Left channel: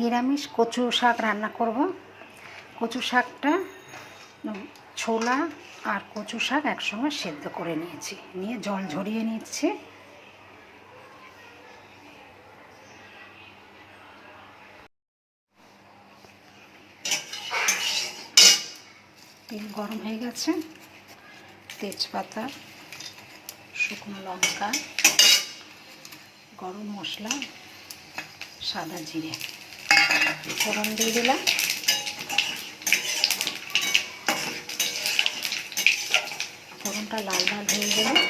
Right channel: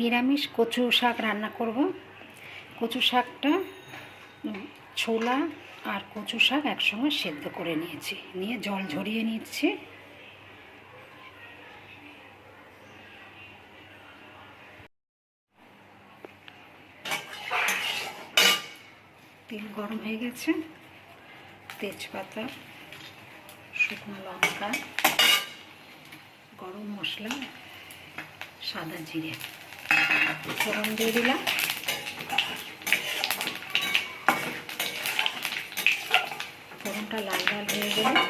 নিরামিষ কচু শাক রান্না করব। কচু শাকটা ছোলা আর কচু শাক একসঙ্গে সেদ্ধ করে নিয়েছি, নিয়ে জল ঝরিয়ে নিচ্ছি। তেল গরম হয়ে গেছে, তেজপাতা, শুকনো লঙ্কা, গরম মশলা, সাদা জিরে ফোড়ন দিয়ে দিলাম। ফোড়নটা লাল লাল হয়ে গেলে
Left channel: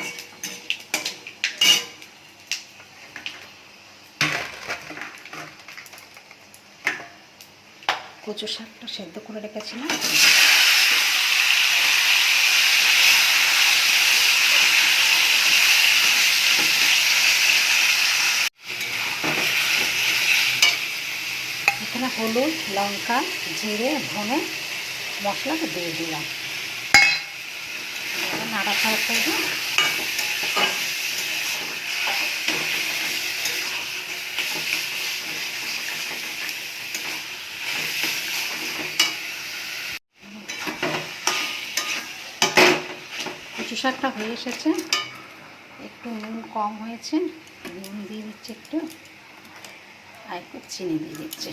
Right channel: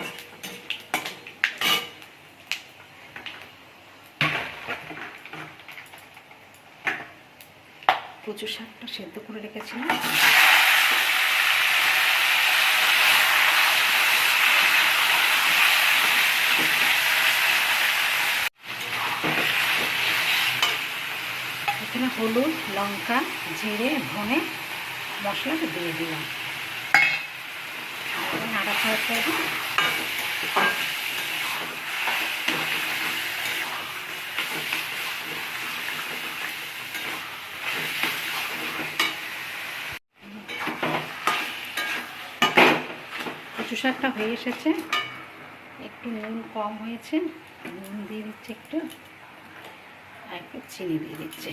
কচু শাকটা সেদ্ধ করে রেখেছিলাম এখানে হলুদ, লঙ্কা, জিরে, ধনে মশলাটা দিয়ে দিলাম। নাড়াচাড়া করে কচু শাকটা হয়ে এসেছে, একটু নুন কম হয়েছে, নুন দিয়ে দিচ্ছে একটু, আর একটু চিনি দিয়ে দিচ্ছে।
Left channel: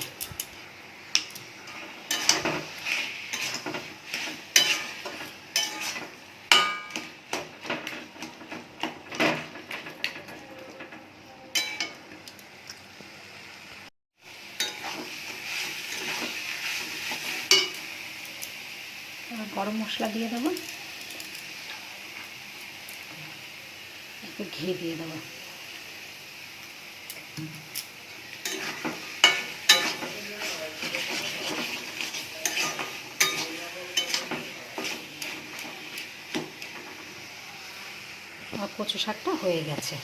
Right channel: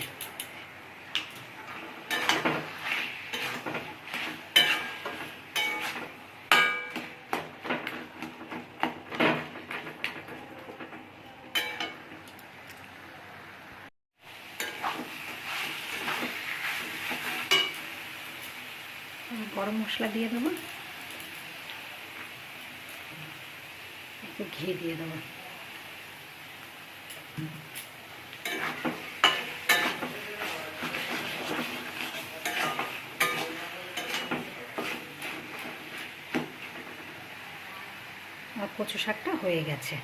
গরম মশলা দিয়ে দেবো, একটু ঘি দিয়ে দেবো। আর কচু শাকটা হয়ে গেছে।